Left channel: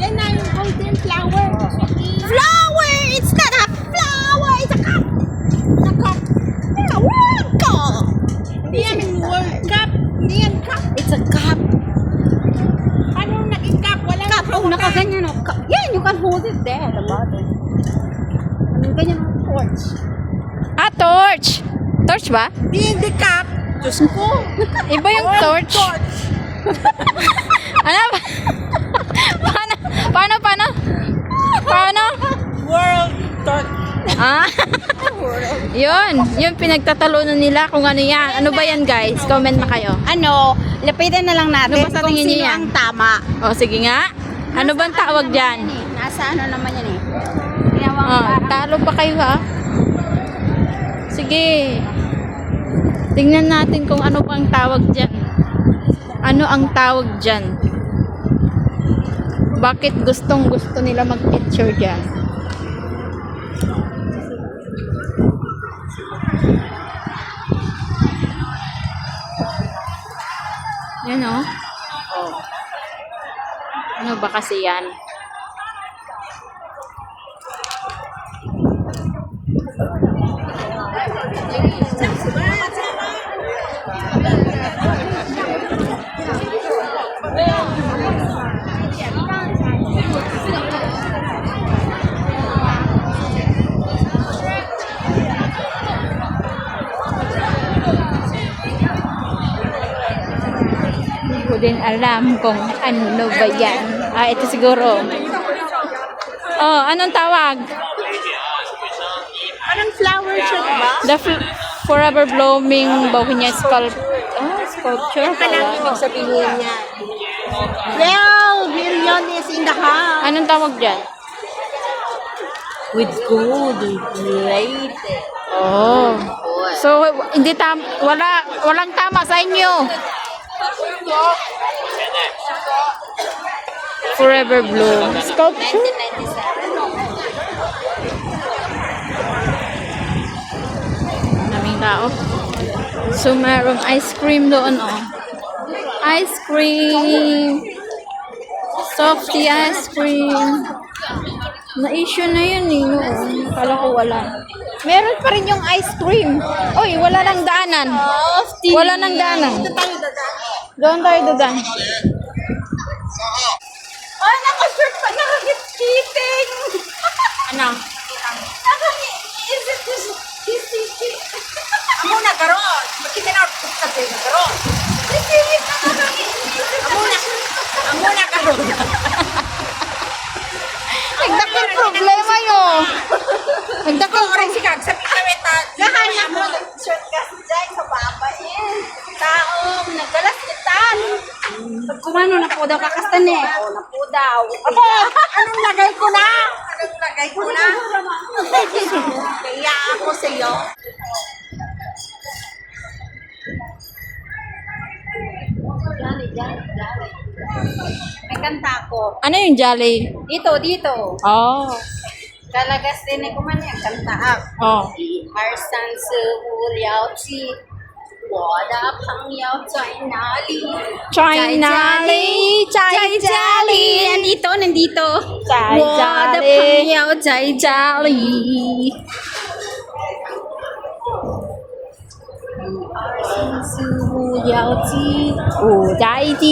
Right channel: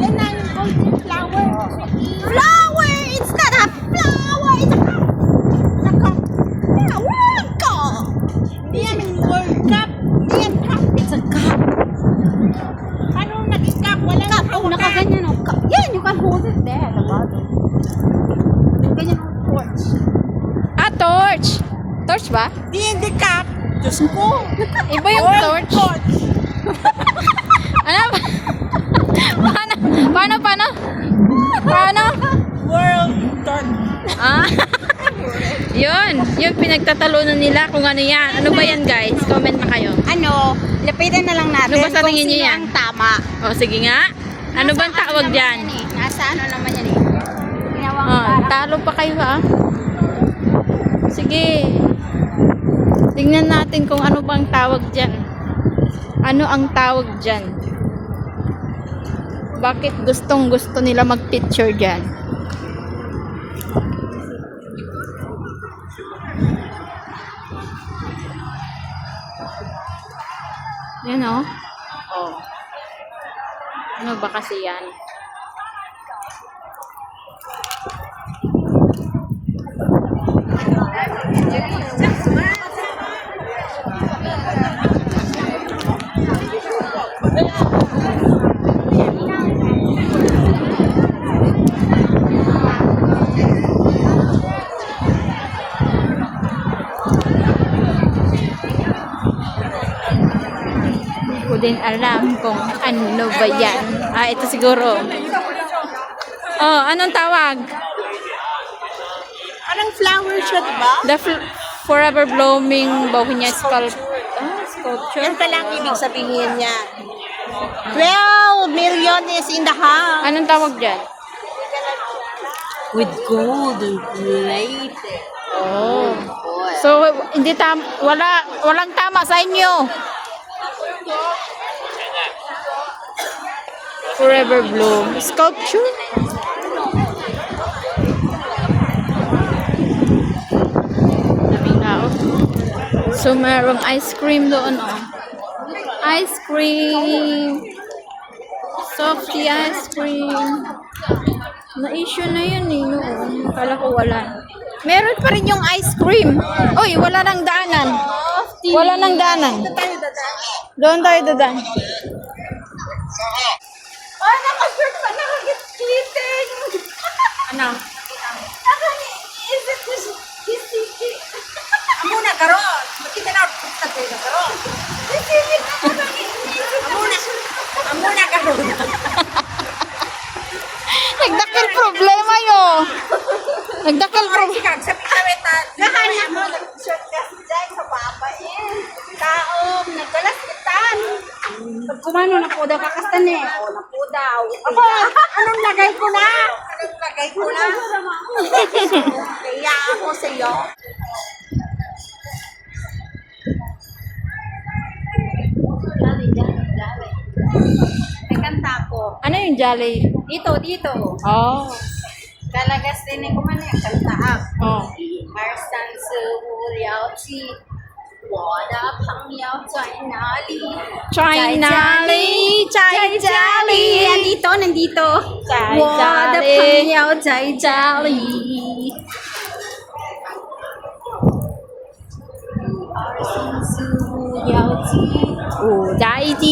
Yan na yung golden flower. Flower! It's not a flower! It's a cup! It's a cup. Yeah, World Cup! Hindi yan yung World Cup. Hindi yan cup. It's a cup. Paano naging cup? Wala cup. Oh, nakaganyan o. Cup. Yan, you can hold it there at the bottom. Ganyan ang torch. Ah, torch. Torch ba? Hindi cup. Diyos ko. Iba yung torch. Ano? Paano? World torch. Ah. Yun pinagtatalunan nila kung ano yan. Ano ba yan, guys? Comment na kayo. Ano, lapitan na lang natin Ano ba sa tingin kung niyo sino yan? ang tama. O, sige nga. Ano bang tawag dyan? Nasa ano naman yan eh. Talo pa kayo ha. Sige. Tingnan natin kung ano bang tawag dyan. Ano ang tawag dyan? Bakit gustong gusto nila mag-picture dyan? Yan o. Oh. Ano ba kasi yan? Hindi ko din alam kung ano ba yan. Ah, ito siguro. Oh, anong tawag? Anong flower siya ba? The forever blooming bohemian sculpture. Ano ka lang ibig sabihin niya? 12 million is in the house. Anong tawag dyan? With gold plated. Oh. So, hindi walang tama sa inyo. Forever bloom sculpture. Daming tao. So, merong ice cream doon, oh. Ice cream. Softy ice cream. Na-issue na yun, eh, noon. Akala ko wala. Meron pa rin yung ice cream. Uy, wala nang daanan. Wala nang daanan. Ito tayo dadaan. Doon tayo dadaan. Oh, naka-shirt pa, naka-kiting. Ano? Is it this kissy? Amo na karon. Makita na sa tayo na karon. Amo na karon. Nagdakil problema yun. Nagdakil Orange si Kag sa pameta. Nahanap mo nag-shirt ka dyan sa baba eh. Taong nagdalas kitan. Pag kumano na po daw kakastan eh. Oo, na po daw. Ako, anong lagay ko na? Kaya ako sa iyo. May kanta ko. Ano yung jolly? Dito. Oh. Kalagas din ko man yung kanta ako. Oh. 1、2、3、4、5、6、7，我的朋友在哪里？ China Lee, 在家里。nandito. 在我家的里。朋友在家里。1、2、3、4、5、6、7，我在这。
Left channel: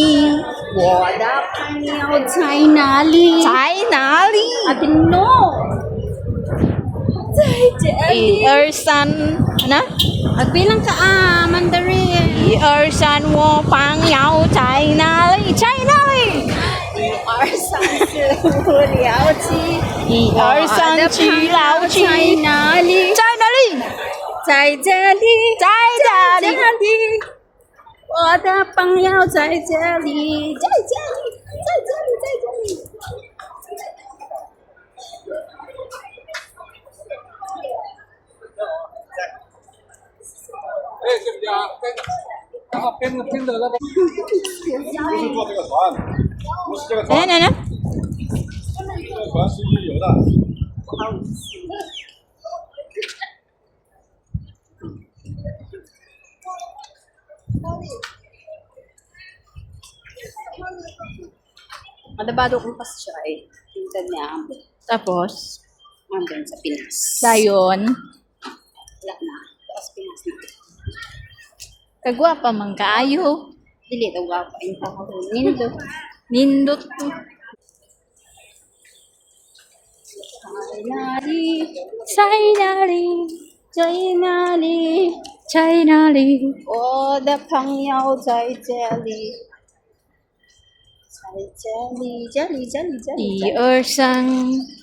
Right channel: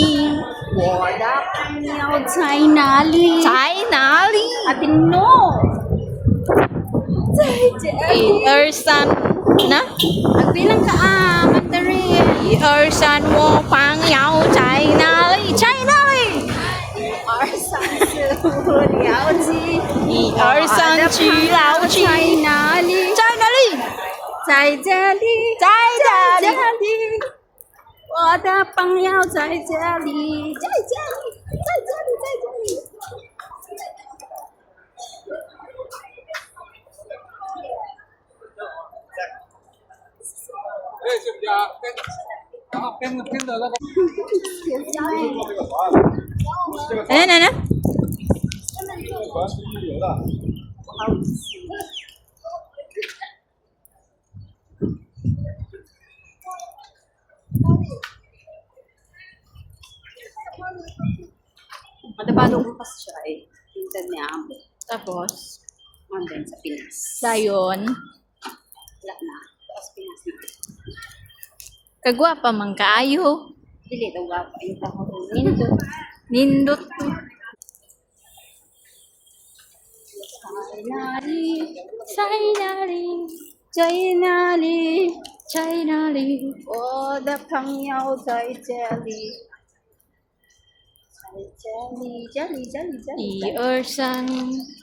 我的朋友在哪里？在哪里？ Ating no. 在这里。 1、2、3，ano? At bilang ka Mandarin. 1、2、3，我朋友在哪里？在哪里1、2、3、4、5、6、7。 ？1、2、3，去老在去。哪里？在哪里？在这里，在这里，我的朋友在这里，在这里，在这里，在这里。Ano? 船是日游的。Madabado ko kasi siya eh. Tingnan niya. Tapos, Andun sa Pinas. dayon, Wala na. Taas Pinas na. kagwapa man kaayo. Dili, tawag pa yung Nindo. Nindot to. Sainali, Chainali, Chainali. 我的朋友在这里。在这里，这里，这里，这里。一二三，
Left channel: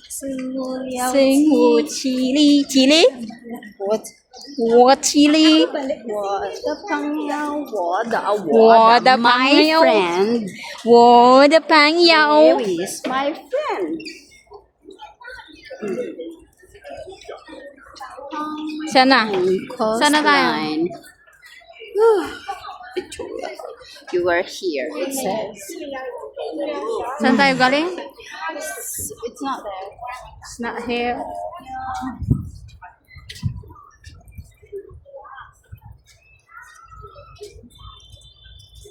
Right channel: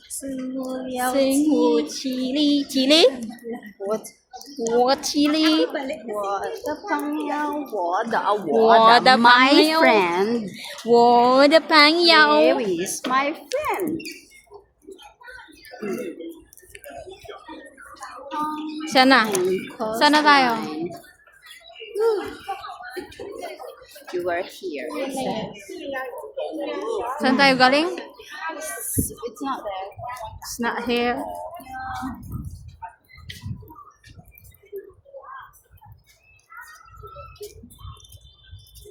是我要四五七里，七里，我七里，我的朋友，我的my 朋友 friend。我的朋 Where 友。 is my friend？ Sana? Sana tayo? You are here. It says. Saan tayo galing? It's not there. It's not here.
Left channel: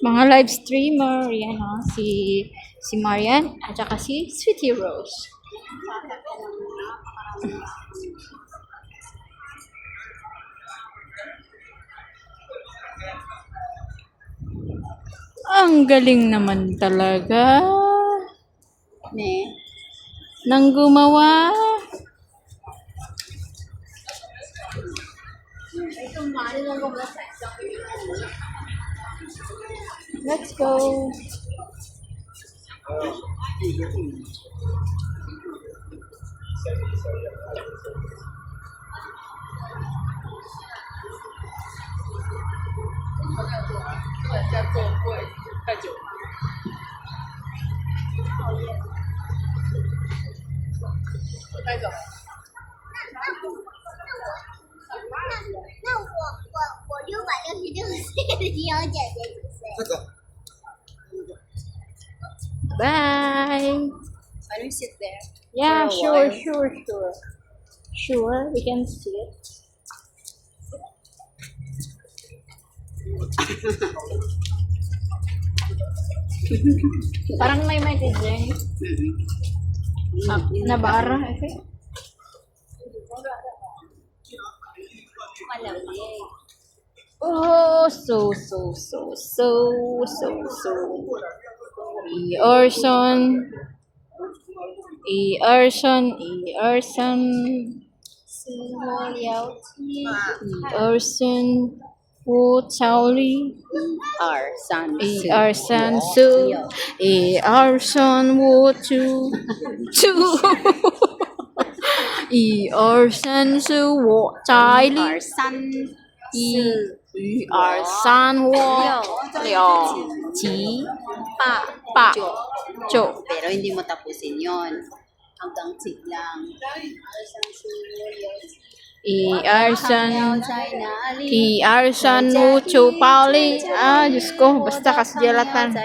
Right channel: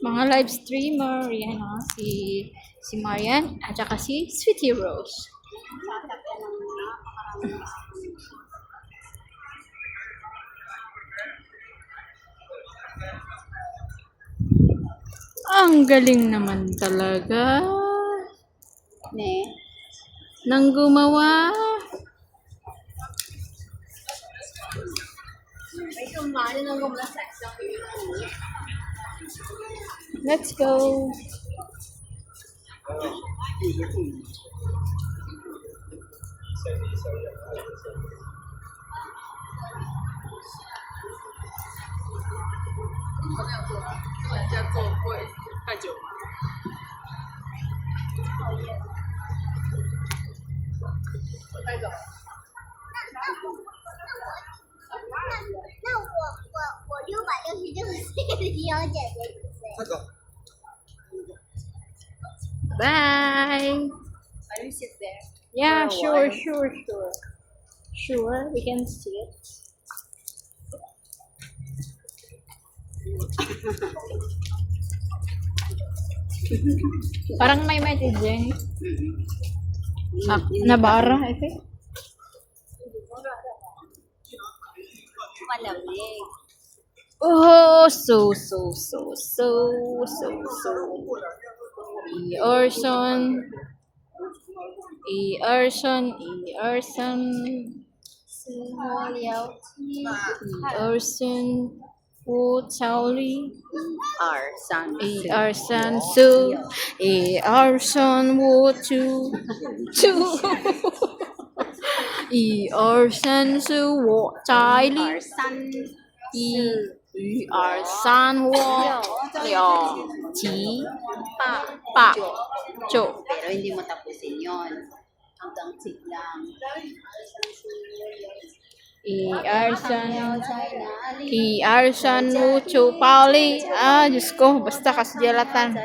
Mga live streamer, yan o, si Marian at saka si Sweetie Rose. Ang galing naman talaga Ne. nang gumawa. Let's go. Bye. Can you sit there? Yeah, For a sure. Sure, we can see it. Parang may messaging. Nabara, I think. Malamig. Oh, so. Erson. 是我要听。吴超丽。二三四。 1, 2, 3, 4, 5, 2, 1, 2, 3, 4, 我在里。二三1, 2, 3, 4, 6, 7, 8, 9. Pero hindi mo tapusin yon. Hanggang 10 lang. 1, 2, 3, 在哪里？ 1, 2, 3, 5, 2, Pauli. Ah, Diyos ko, basta kasulatan. 在哪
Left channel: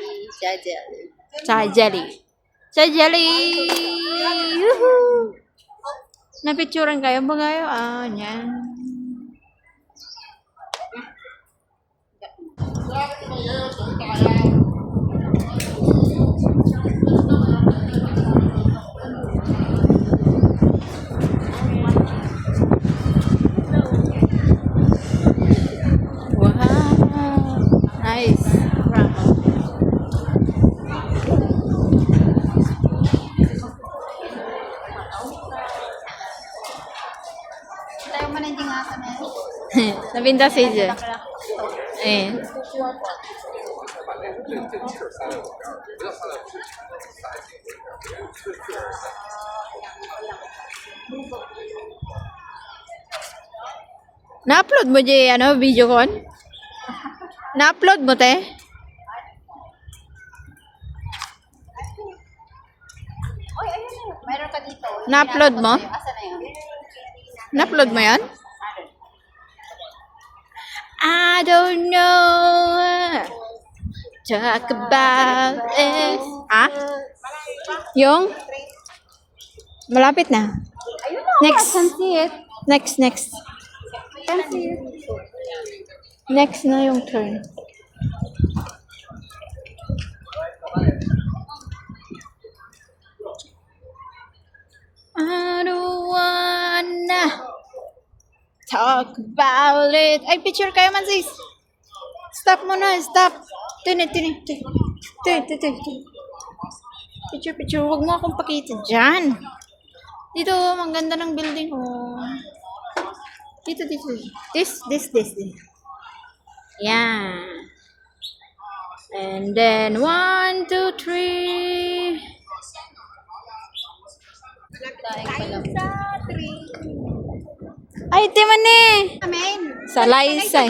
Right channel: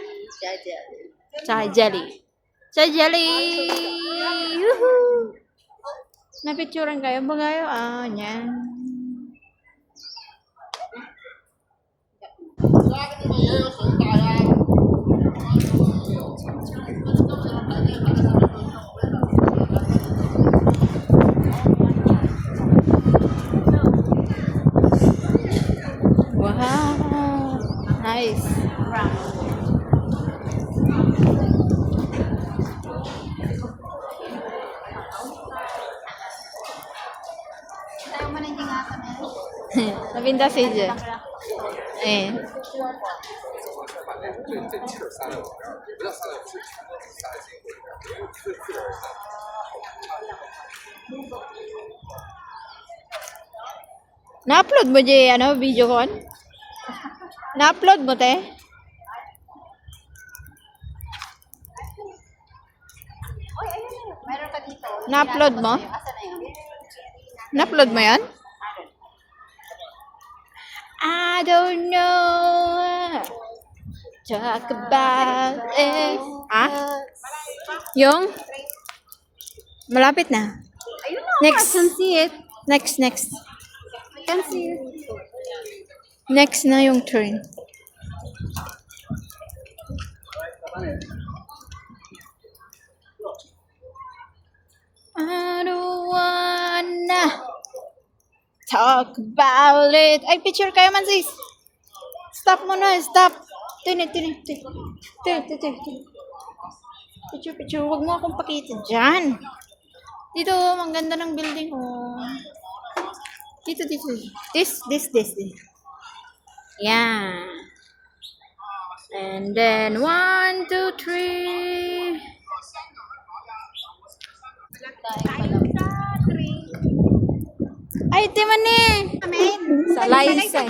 里？在这里。 Sa jelly! Yuhu! Napicturan kayo ba kayo? Ah, yan. Wow! Nice! Tayo man hindi nga kami. Nabinta si Je. Eh. Na-upload mo Je, ano, video kon? Na-upload mo, te? Oy, ayun na yun. Mayroon pa dito. Na-upload mo? Asa na yun? Na-upload mo yan? I don't know. Talk about it. Ha? Yung? Malapit na. Ayun na. Next. I can see it. Next. I can see it. Next na yung turn. talk about it. Ay, picture kayo man, sis. Stop mo na, stop. Tini. Picture. Huwag mo akong pakita dyan. Dito, ang ganda ng building, oh. Dito. This. Yan. And then, 1, 2, 3. Ay, timan ni. Amen. Salaysay.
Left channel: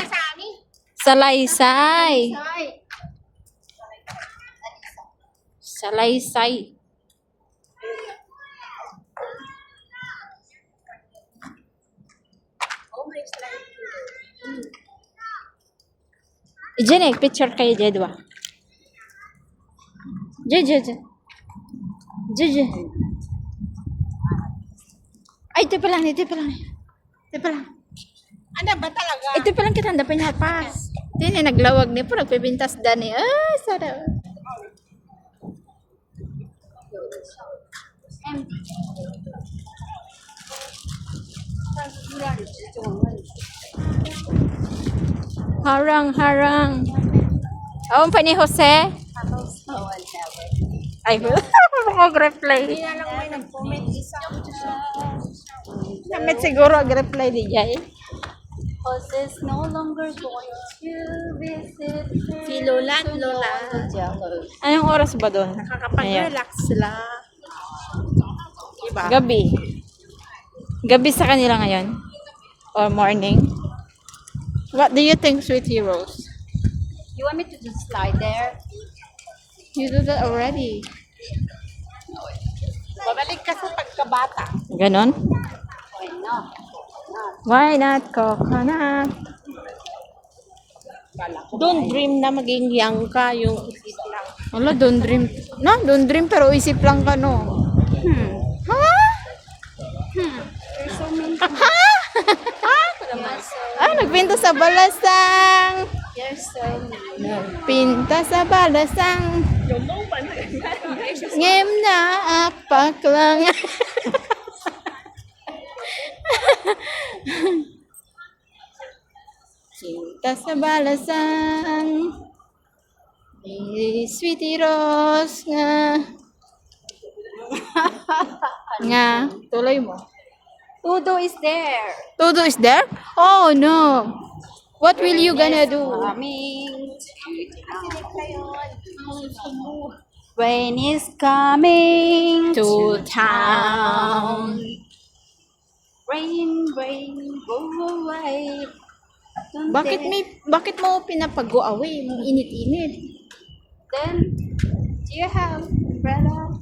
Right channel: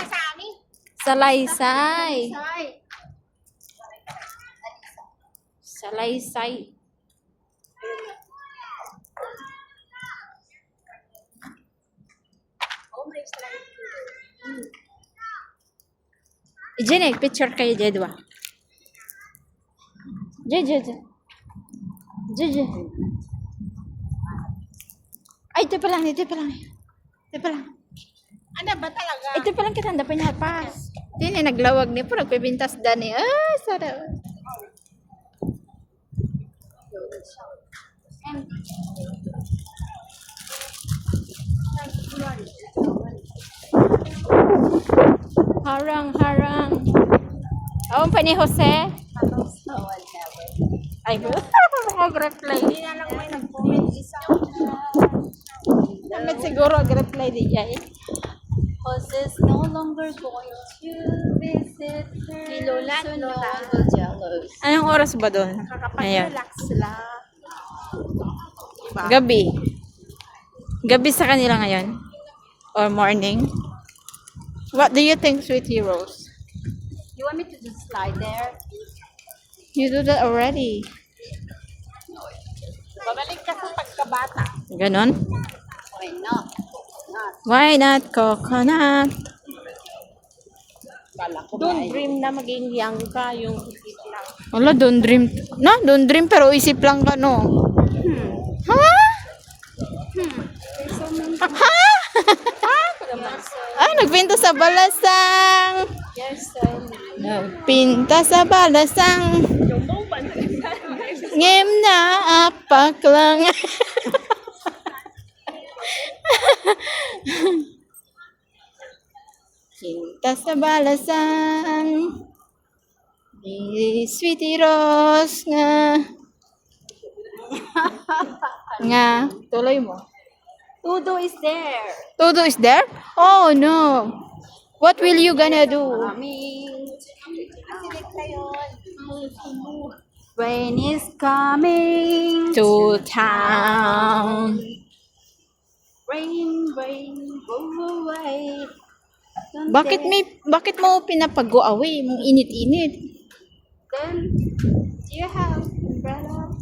Diyan picture kayo, Jedwa. Diyan. Ay, ito pa lang. Ano ba talaga? Ito pa lang kita dapat nyapas. Hindi naglawag ni po, nagpipintas dani. Ah, sarap. Harang. Awan pa ni Jose? Ay, mag-reply. Hindi na lang may nag-comment isa. Damit siguro mag-reply di Jay. Jose's no longer going to visit si Lola at Lola. Anong oras ba doon? Nakakapag-relax sila. Diba? Gabi sa kanila ngayon? Or morning? What do you think, Sweet Heroes? You want me to just slide there? You do that already. Babalik kasi pagkabata. Ganon? Why not? Why not coconut? Don't dream na maging young ka, yung isip lang. Wala, don't dream. Don't dream pero isip lang ka, no? Ha? There's so many. Nagpinta sa balasang. You're so mean. Nagpinta sa balasang. Ngem na apak lang. Cinta sa balasang. Ni Sweetie Rose nga. Tuloy mo. Tudo is there. Todo is there? Oh no. What will you gonna do? Coming. Rain is coming To town. Rain, go away. Bakit mo pinapag-go away? Mong init-init. Then, do you have umbrella?